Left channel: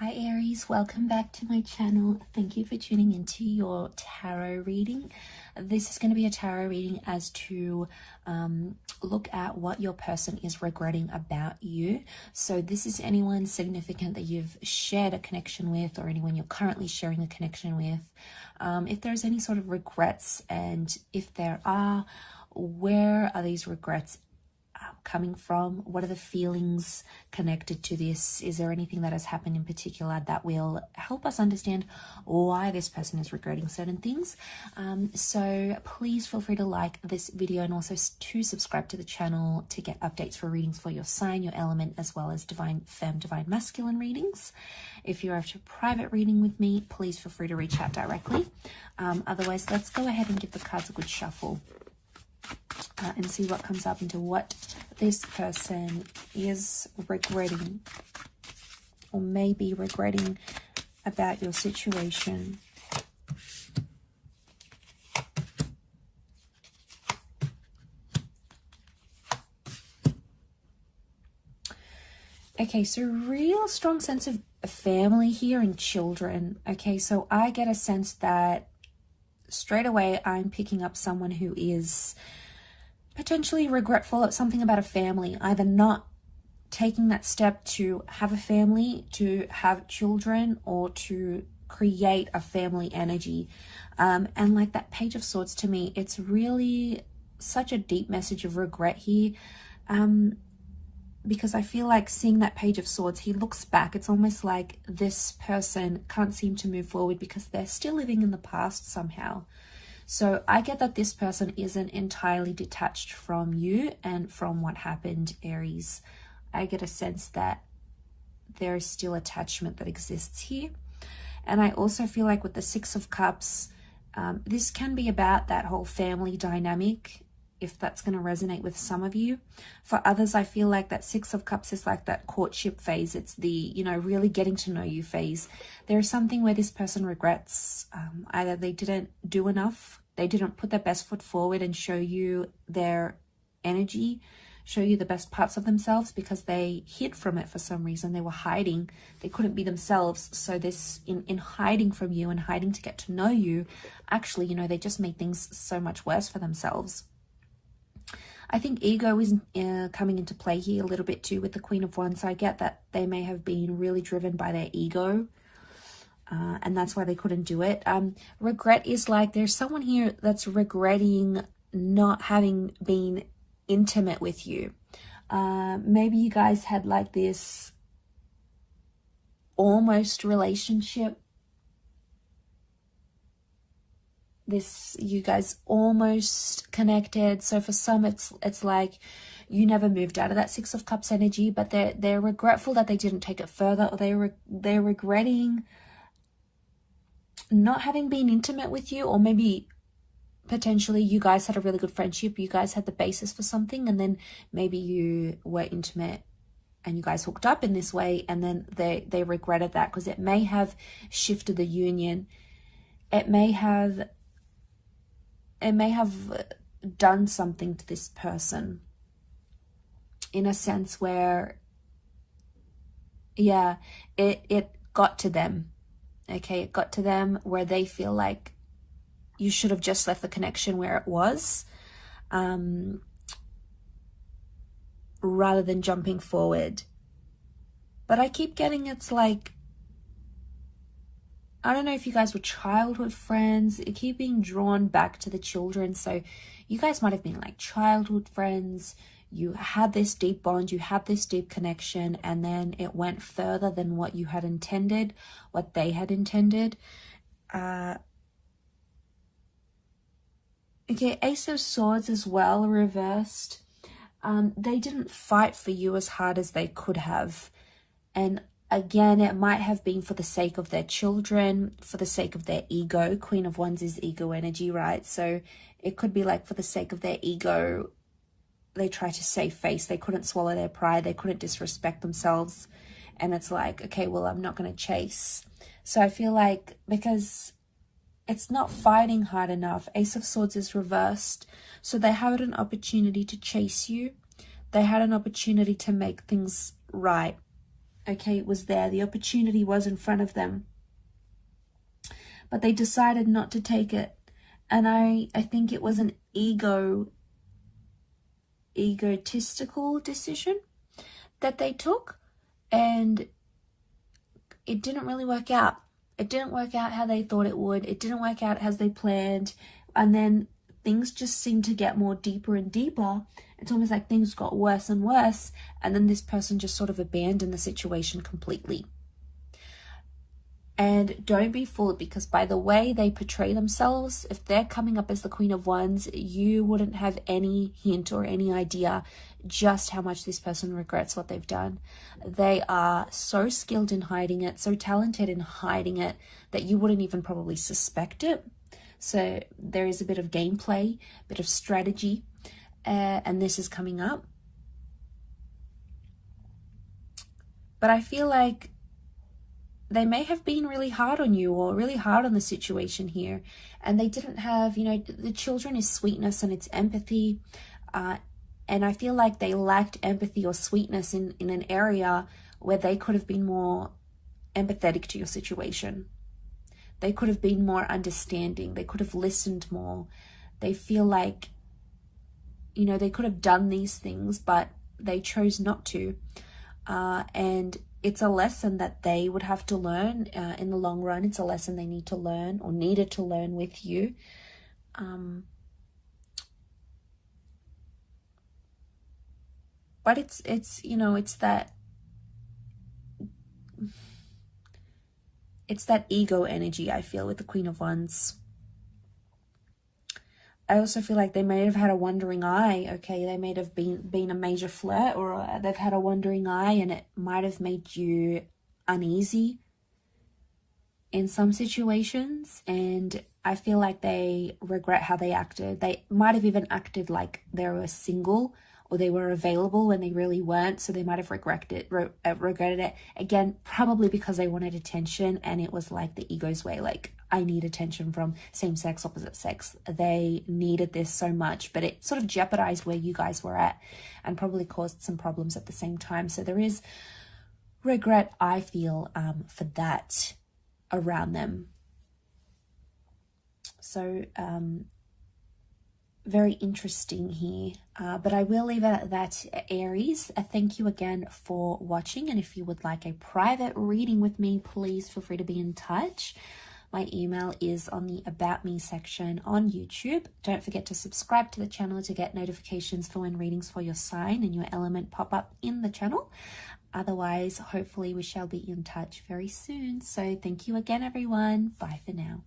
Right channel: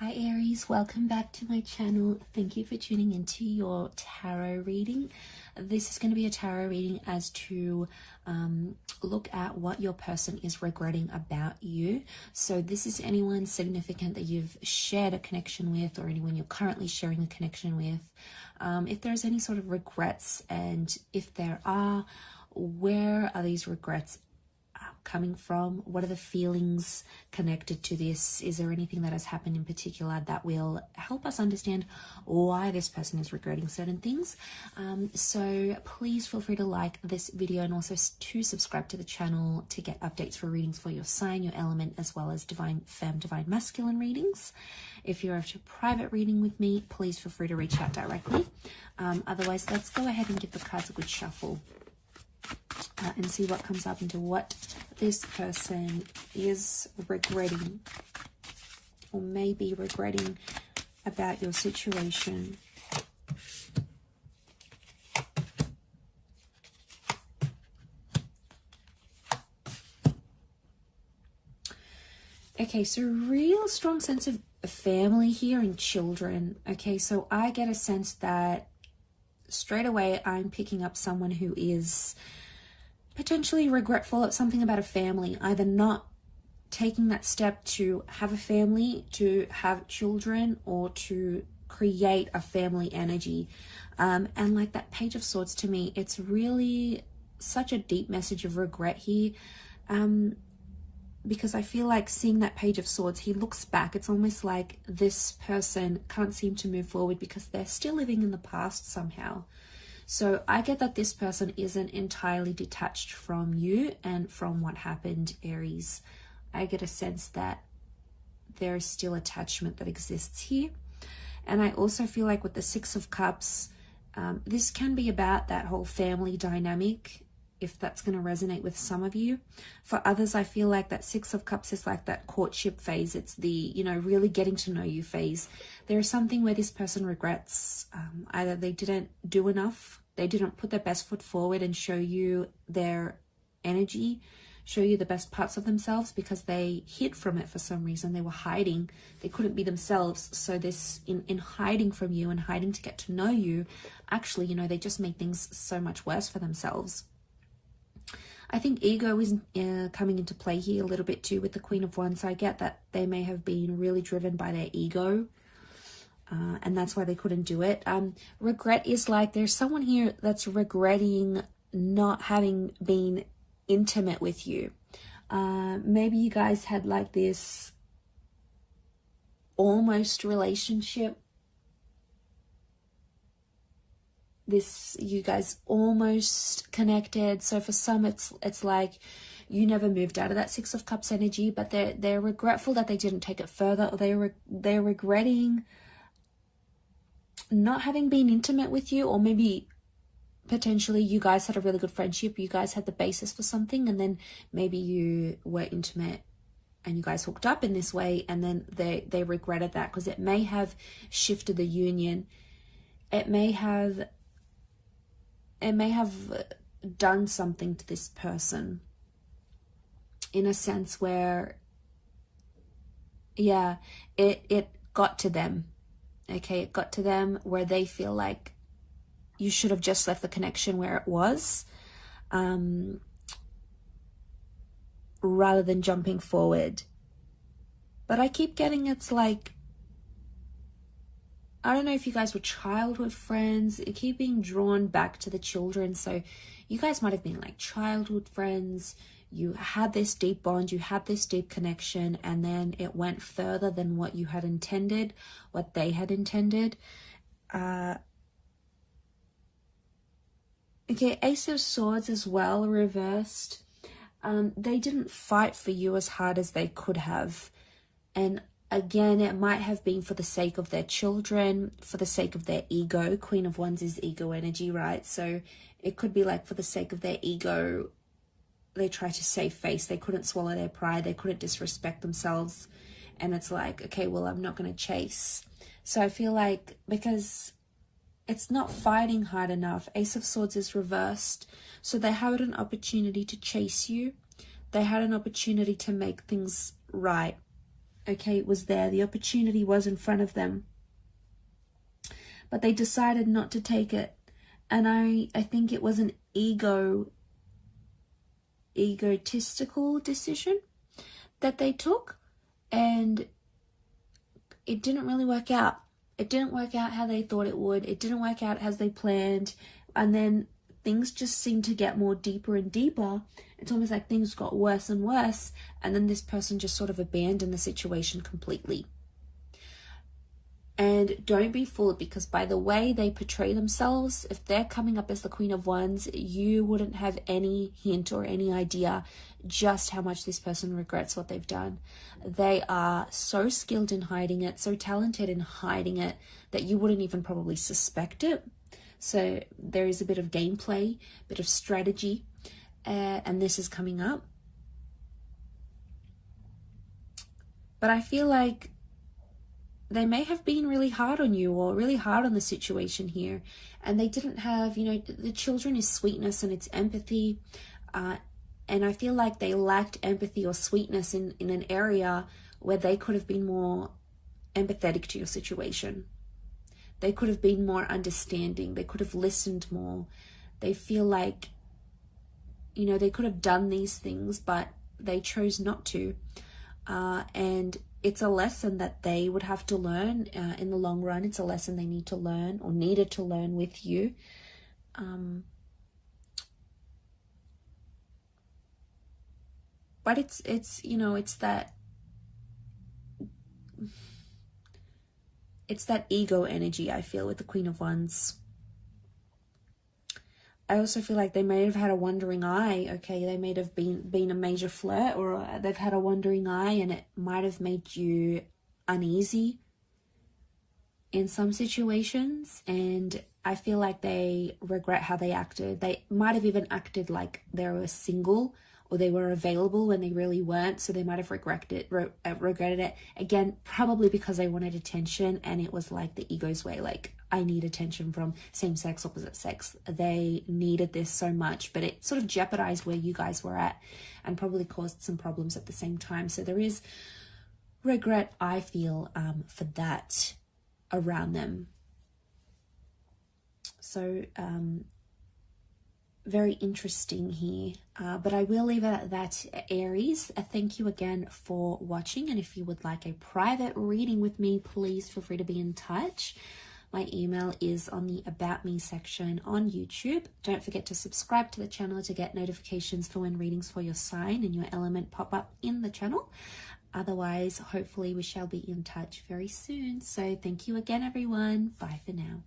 Hi Aries, welcome back to my channel. Thank you for tuning into your tarot reading. This is going to be a tarot reading as to look at what your person is regretting about you. So this is anyone significant that you've shared a connection with, or anyone you're currently sharing a connection with. If there's any sort of regrets, and if there are, where are these regrets coming from? What are the feelings connected to this? Is there anything that has happened in particular that will help us understand why this person is regretting certain things? So please feel free to like this video, and also to subscribe to the channel to get updates for readings for your sign, your element, as well as divine femme, divine masculine readings. If you're after a private reading with me, please feel free to reach out directly. Otherwise, let's go ahead and give the cards a good shuffle. And see what comes up into what this person is regretting, or maybe regretting about your situation. Okay, so real strong sense of family here and children. Okay, so I get a sense that straight away I'm picking up someone who is potentially regretful at something about a family, either not taking that step to have a family, to have children, or to create a family energy. And like that Page of Swords, to me, it's really such a deep message of regret here. Because I feel like seeing that Page of Swords, he looks back. It's almost like this person can't seem to move forward because they're still living in the past somehow. So I get that this person isn't entirely detached from you and from what happened, Aries. I get a sense that there is still attachment that exists here. And I also feel like with the Six of Cups, this can be about that whole family dynamic, if that's going to resonate with some of you. For others, I feel like that Six of Cups is like that courtship phase. It's the, really getting to know you phase. There is something where this person regrets either they didn't do enough, they didn't put their best foot forward and show you their energy, show you the best parts of themselves, because they hid from it for some reason. They were hiding. They couldn't be themselves. So this, in hiding from you and hiding to get to know you, actually, they just made things so much worse for themselves. I think ego is coming into play here a little bit too with the Queen of Wands. I get that they may have been really driven by their ego, and that's why they couldn't do it. Regret is like there's someone here that's regretting not having been intimate with you. Maybe you guys had like this almost relationship. You guys almost connected. So for some, it's like you never moved out of that Six of Cups energy, but they're regretful that they didn't take it further, or they're regretting not having been intimate with you, or maybe potentially you guys had a really good friendship, you guys had the basis for something, and then maybe you were intimate and you guys hooked up in this way, and then they regretted that because it may have shifted the union. It may have done something to this person in a sense where, yeah, it got to them. Okay, it got to them where they feel like you should have just left the connection where it was, rather than jumping forward. But I keep getting, it's like, I don't know if you guys were childhood friends. You keep being drawn back to the children. So you guys might have been like childhood friends. You had this deep bond, you had this deep connection, and then it went further than what you had intended, what they had intended. Okay, Ace of Swords as well, reversed. They didn't fight for you as hard as they could have. And again, it might have been for the sake of their children, for the sake of their ego. Queen of Wands is ego energy, right? So it could be like for the sake of their ego, they try to save face. They couldn't swallow their pride. They couldn't disrespect themselves. And it's like, okay, well, I'm not going to chase. So I feel like because it's not fighting hard enough, Ace of Swords is reversed. So they had an opportunity to chase you. They had an opportunity to make things right. okay, was there. The opportunity was in front of them, but they decided not to take it. And I think it was an egotistical decision that they took, and it didn't really work out. It didn't work out how they thought it would. It didn't work out as they planned. And then things just seemed to get more deeper and deeper. It's almost like things got worse and worse. And then this person just sort of abandoned the situation completely. And don't be fooled, because by the way they portray themselves, if they're coming up as the Queen of Wands, you wouldn't have any hint or any idea just how much this person regrets what they've done. They are so skilled in hiding it, so talented in hiding it, that you wouldn't even probably suspect it. So there is a bit of gameplay, a bit of strategy, and this is coming up. But I feel like they may have been really hard on you, or really hard on the situation here, and they didn't have, you know, the children is sweetness and it's empathy, and I feel like they lacked empathy or sweetness in an area where they could have been more empathetic to your situation. They could have been more understanding. They could have listened more. They feel like, you know, they could have done these things, but they chose not to. And it's a lesson that they would have to learn in the long run. It's a lesson they need to learn, or needed to learn with you. But it's you know, it's that ego energy, I feel, with the Queen of Wands. I also feel like they may have had a wandering eye, okay? They may have been a major flirt, or they've had a wandering eye, and it might have made you uneasy in some situations. And I feel like they regret how they acted. They might have even acted like they were single, or they were available when they really weren't, so they might have regretted it. Again, probably because they wanted attention, and it was like the ego's way, like, I need attention from same sex, opposite sex. They needed this so much, but it sort of jeopardized where you guys were at, and probably caused some problems at the same time. So there is regret, I feel, for that around them. So, very interesting here, but I will leave it at that, Aries. Thank you again for watching, and if you would like a private reading with me, please feel free to be in touch. My email is on the About Me section on YouTube. Don't forget to subscribe to the channel to get notifications for when readings for your sign and your element pop up in the channel. Otherwise, hopefully we shall be in touch very soon. So thank you again, everyone. Bye for now.